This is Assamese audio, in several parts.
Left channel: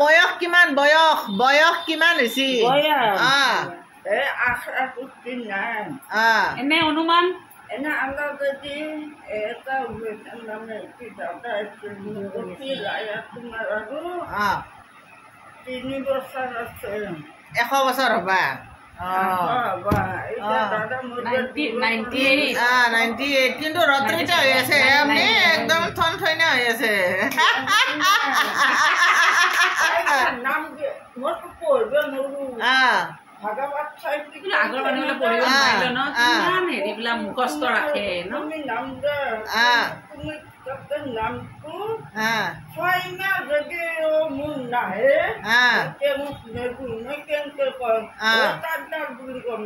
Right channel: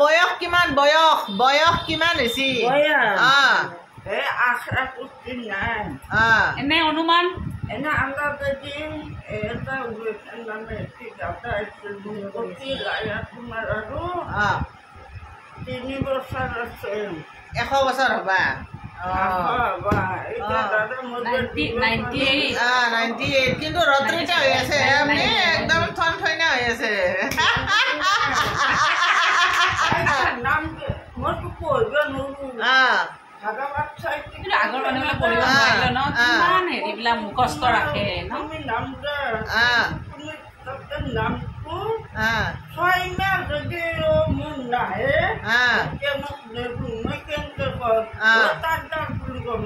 বয়স কিমান বয়স কিমান হৈছে এনে অনুমান এনে আমৰা যদি এটা নামে দাদা তোমাৰ আৰু 3 বছৰ আছে 100 বছৰ হবা 98 কিন্তু ৰত্ৰিতা হৈ আছে একদম থন থইনা হৈ আছে নাম মইতো পঢ়িব নোৱাৰো আগৰ মানুহবিলাক পঢ়িব নোৱাৰিলে ন কিমান হেৰিবিলাক মুখস্থ ৰাখে ন নামটো 6 মাহ যদি মোৰ নাহে মোক নেবো মই কেনেকে কম তাত বুলি কম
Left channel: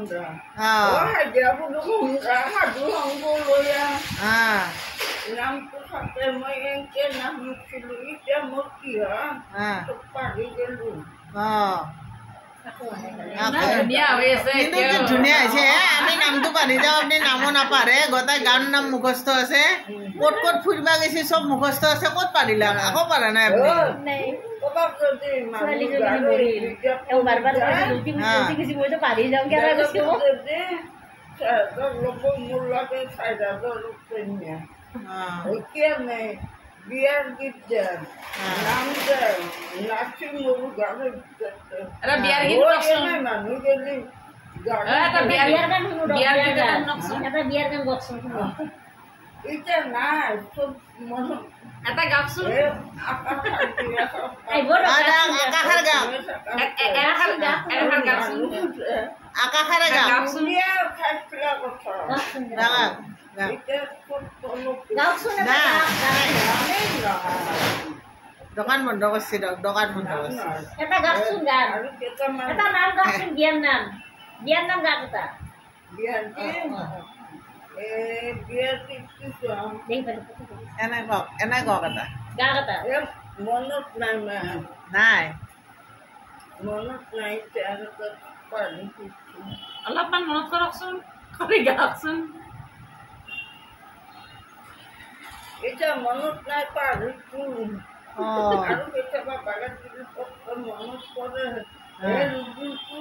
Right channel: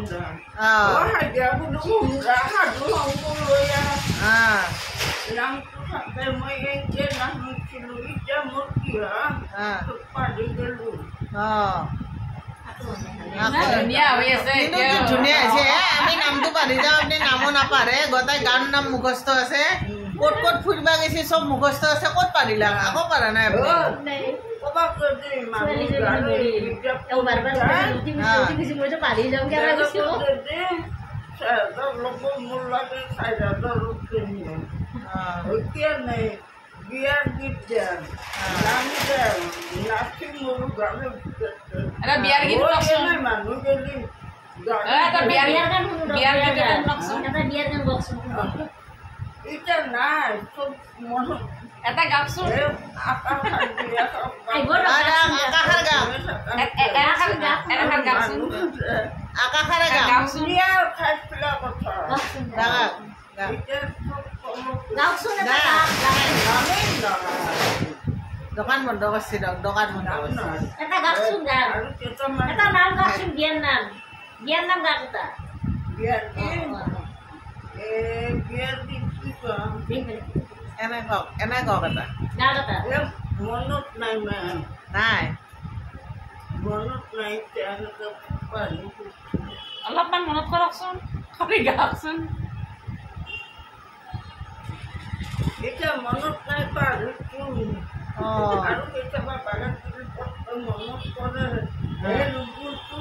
সাধু সংগ লৈ নামটো থাকে মই এনেকে নাহিছিলো এতিয়া মোৰ কি পাৰি গলো ধুনীয়া হৈ আছে ধুনীয়া হৈছে আমি নামটো পাহৰি যাওঁ আপুনি নামো নাপাহৰে গোটেই গান নাম মুখস্থ আছে ক'ত ক'ত ফুৰিবা গৈছে চব মুখস্থ আছে ক'ত পাৰিলা আকৌ পাৰা নাই আপুনি বিয়াৰ গীত দেন নাম দেন নাচি মোৰো গানে বিয়াৰ গীত নাই মানুহ গেলি এতিয়া নাই চব মনত এটা গাওকচোন দোকান বন্ধ করছি দোকান বন্ধ করছি এটা গাছুন গান এটা নাম গাছুন বিয়ার নাম গাছ এটা বিয়ার কি কম এনে কক এটা গাছ এটা মনত নাই নাই মনত নাই তেওঁলোকে পাৰি অলপমান মনত কৰকচোন খালি গাওকচোন এতিয়া মনত নাই পাৰিছো আৰু কেতিয়াবা বাগান মনত পৰে এই ৰোগটো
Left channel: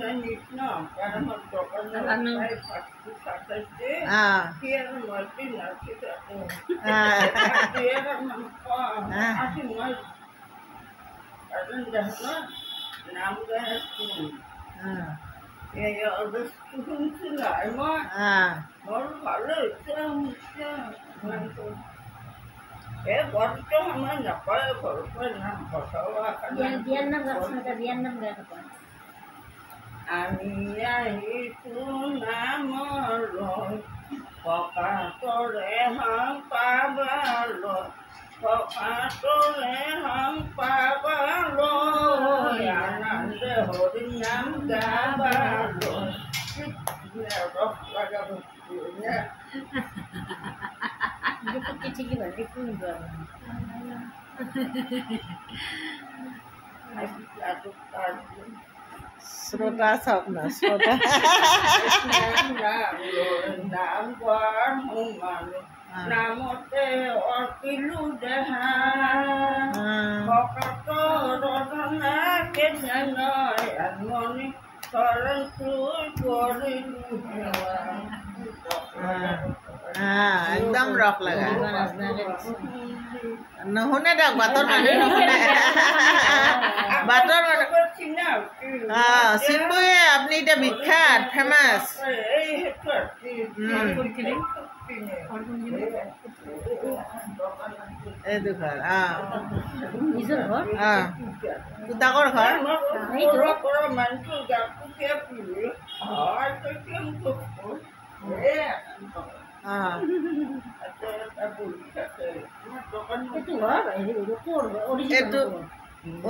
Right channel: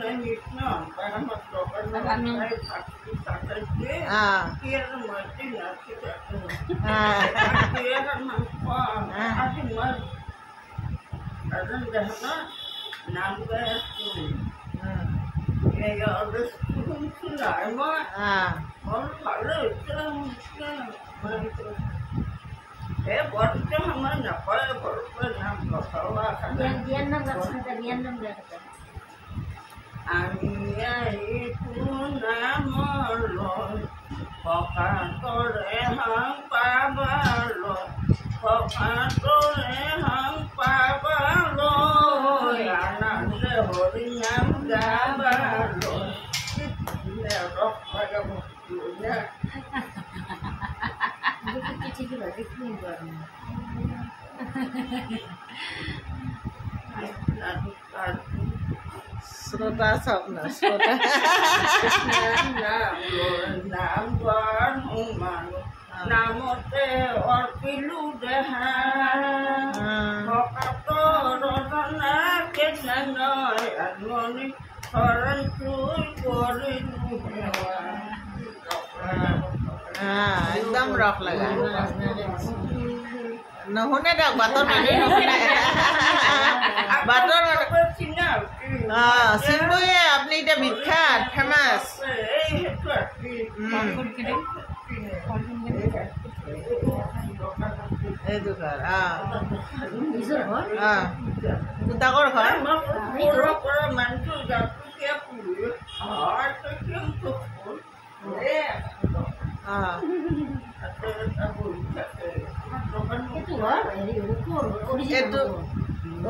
নাই ন বাগানত দোকান কি আৰু মই নাচি থাকো আজি মই এজন দেহ নাম গাই আছো এই শুনছো নাই মই মোৰ ভালো হৈছে বৰটো সময় নাপায় ঘৰৰ নাম বিয়াৰ নাম গাছ এটা বিয়াৰ নাম গাছ এটা আমি আহিছো নামলৈ ককাতৰে হাং পাবালৈ ককাতৰে হাং পাবালৈ আনন্দে হৰি নাম গাবালৈ ৰস লগাব ঠিকই ভাবে কোন শ্ৰোতা সব না শ্ৰোতা নাম বৰ মানুহ নামতে অৰ্পিলো দেহা ককাতৰ ৰজনা কেনে নয় আত্মনি শৰণ চুই কৰিলো সেৱা একদম ৰক লাগা নুশুনে দিয়ক বাটৰ মানুহে নুশুনে বাটৰ চিম্বুয়ে আপুনি এতিয়া বিখ্যাত ফেমাছ এইটো ঘৰ নিজৰ ঘৰ ডাঙৰ ঘৰ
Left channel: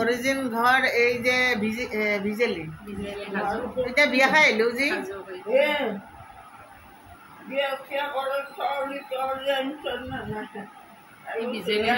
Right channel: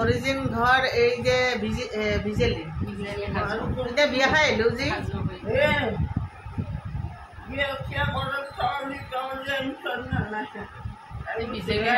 অৰিজিন ঘৰ এই যে ভিজেলি এতিয়া বিয়া খাই আহিলো যি বিজেলি